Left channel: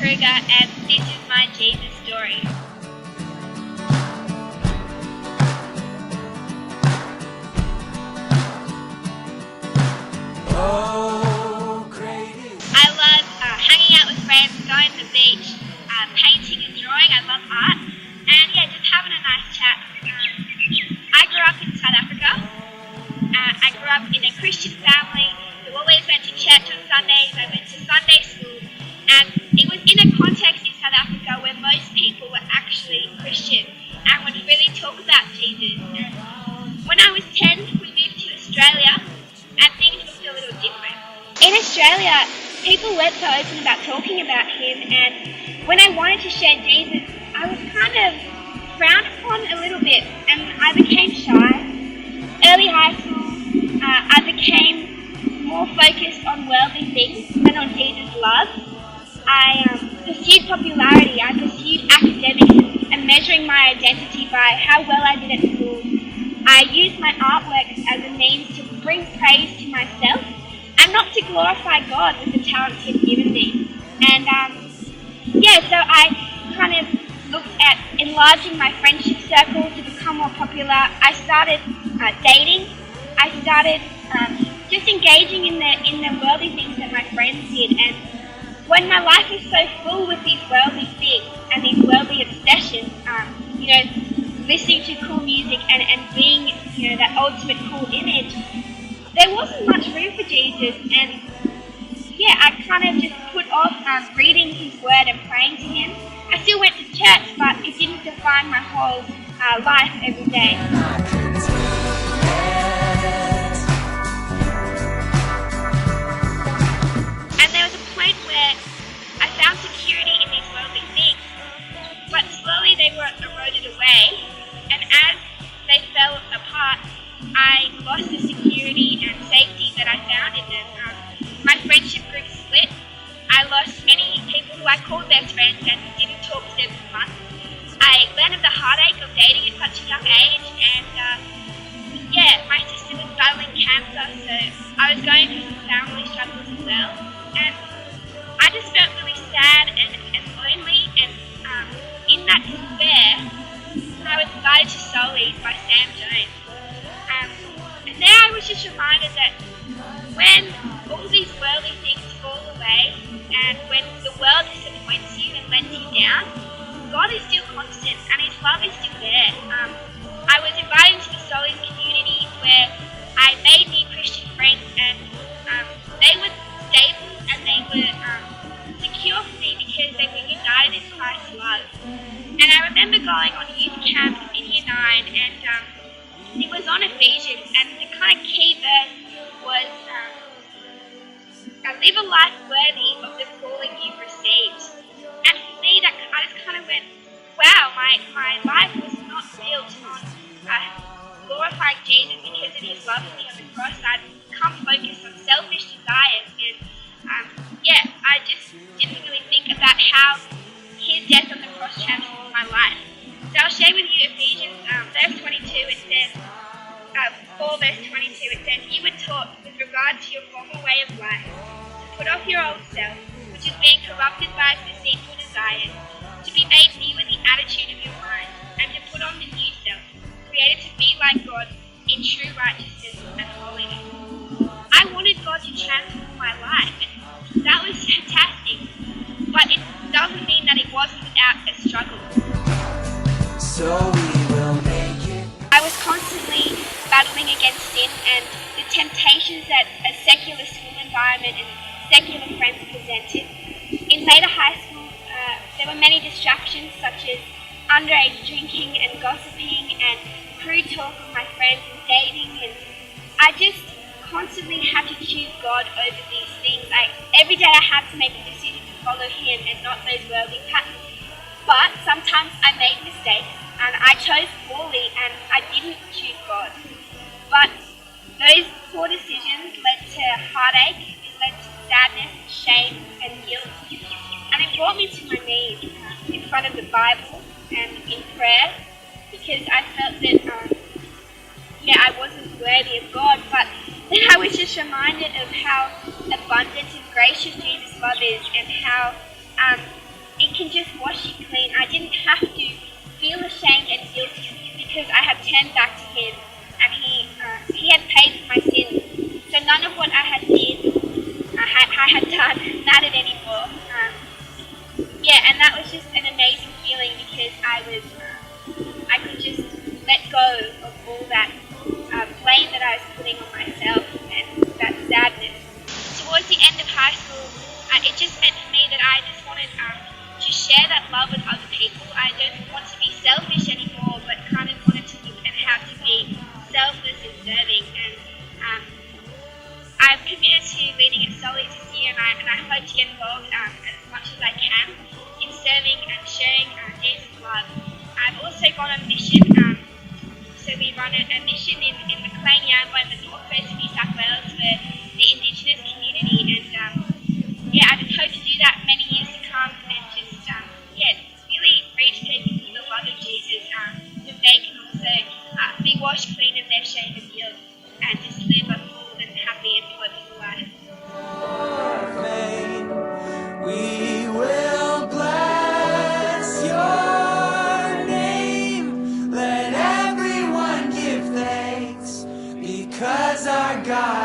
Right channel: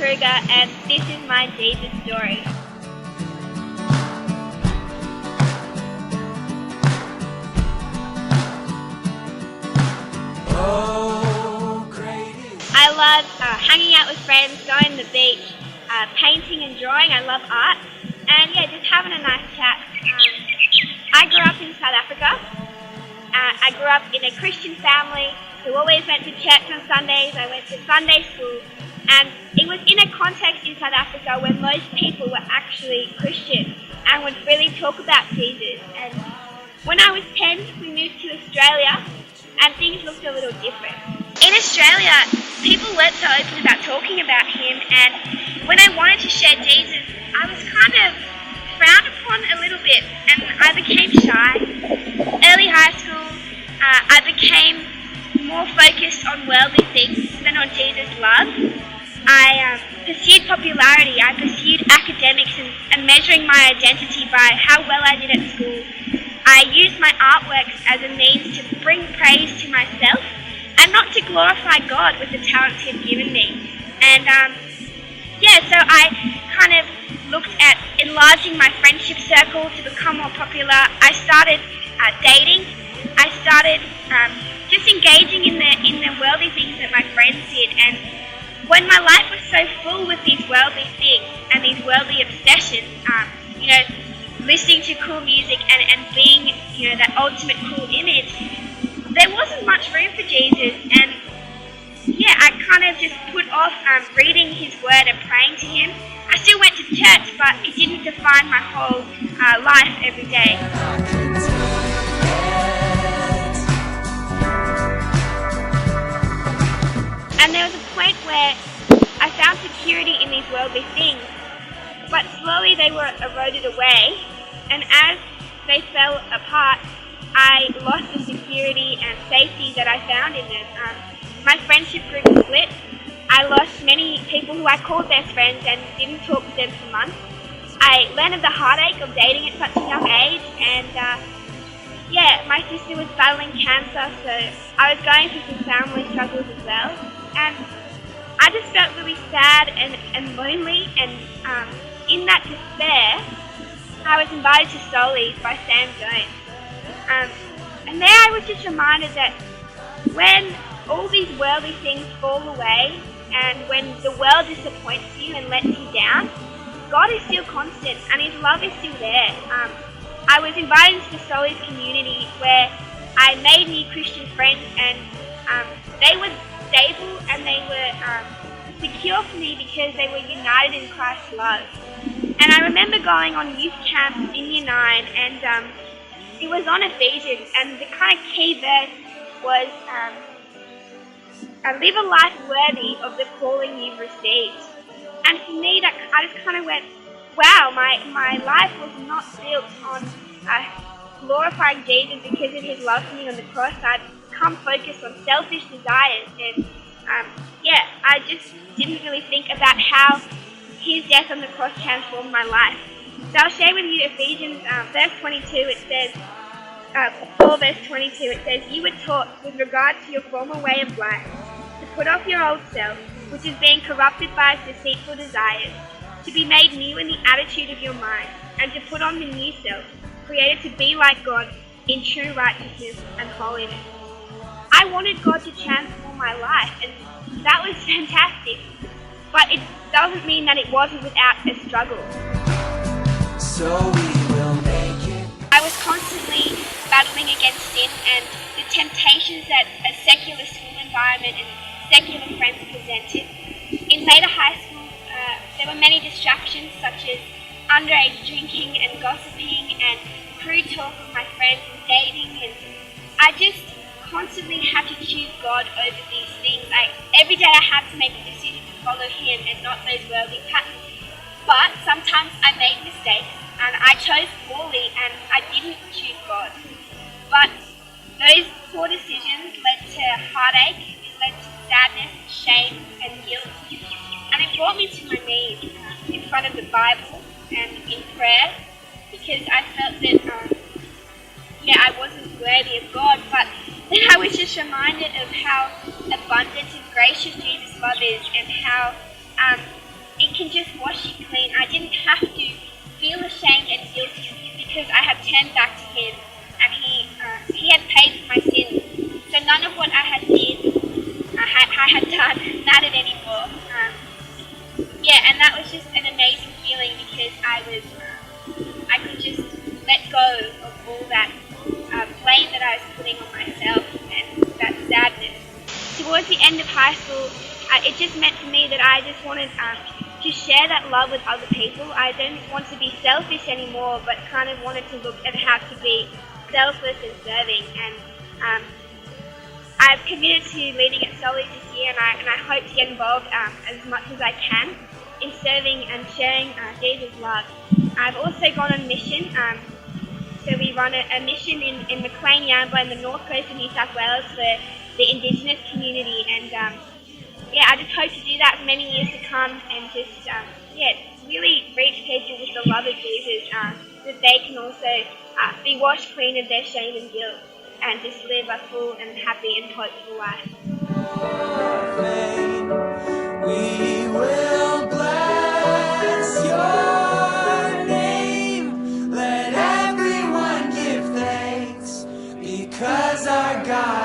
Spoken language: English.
Kruger, and this is my Jesus story. I love hanging out with friends, going to the beach, painting and drawing. I love art, and just having a nice chat. I grew up in South Africa. I grew up in a Christian family who always went to church on Sundays. I went to Sunday school, and it was in a context in South Africa where most people were actually Christian and would really talk about Jesus. And when I was 10, we moved to Australia, and things looked a little different. In Australia, people weren't so open about talking about him, and when I wanted to share Jesus, I was kind of frowned upon a little bit, and I became shy. Early high school, I became more focused on worldly things than on Jesus' love. I pursued popularity, I pursued academics and measuring my identity by how well I did at school. I used my artworks as a means to bring praise to myself and not to glorify God with the talents He's given me. And so I kind of looked at enlarging my friendship circle to become more popular. I started dating. I started just engaging in the worldly things that my friends did. And when my life was so full with these worldly things and these worldly obsessions, listening to cool music and being, that ultimate cool image, there wasn't much room for Jesus. And I kind of just put off reading His Word and praying to Him. I still went to church, but it didn't define my whole life every day. And there was a point where I found security in these worldly things, but slowly they were eroded away, and as they fell apart, I lost the security and safety that I found in them. My friendship group split. I lost many people who I called best friends and didn't talk to them for months. I learned of the heartache of dating at such a young age, and my sister was battling cancer, so I was going through some family struggles as well. And I just felt really sad and lonely, and in that despair, I was invited to Soulies by Sam Jones. And there I was just reminded that when all these worldly things fall away, and when the world disappoints you and lets you down, God is still constant and His love is still there. I was invited into the Soulies community where I made new Christian friends, and they were stable and they were secure for me because they were united in Christ's love. And I remember going on youth camp in Year 9, and it was on Ephesians, and the kind of key verse was live a life worthy of the calling you've received. And for me, that I just kind of went, wow, my life was not built on glorifying Jesus because of His love for me on the cross. I'd become focused on selfish desires, and I just didn't really think about how His death on the cross transformed my life. So I'll share with you Ephesians verse 22. It says, 4 verse 22, it says, "You were taught with regard to your former way of life to put off your old self, which is being corrupted by its deceitful desires, to be made new in the attitude of your mind, and to put on the new self, created to be like God in true righteousness and holiness." I wanted God to transform my life, and that was fantastic, but it doesn't mean that it wasn't without a struggle. So we will make it. I was constantly battling against sin and the temptations that a secular school environment and secular friends presented. In later high school, there were many distractions such as underage drinking and gossiping and crude talk with my friends and dating, and I just constantly had to choose God over these things. Every day I had to make a decision to follow Him and not those worldly patterns. But sometimes I made mistakes and I chose poorly and I didn't choose God. But those poor decisions led to heartache, it led to sadness, shame and guilt. And it brought me to my knees in front of the Bible and in prayer, because I felt that I wasn't worthy of God. But then I was just reminded of how abundant and gracious Jesus' love is, and how it can just wash you clean. I didn't have to feel ashamed and guilty because I had turned back to Him, and He had paid for my sins. So none of what I had done mattered anymore. And that was just an amazing feeling because I could just let go of all that blame that I was putting on myself and that sadness. Towards the end of high school, it just meant for me that I just wanted to share that love with other people. I didn't want to be selfish anymore, but kind of wanted to look at how to be selfless and serving. And I've committed to leading at Soulies this year, and I hope to get involved as much as I can in serving and sharing Jesus' love. I've also gone on mission. So we run a mission in McLean Yamba in the north coast of New South Wales for the Indigenous community, and I just hope to do that for many years to come, and just really reach people with the love of Jesus, so that they can also be washed clean of their shame and guilt, and just live a full and happy and hopeful life. We will bless your name. Let everyone give thanks, because our God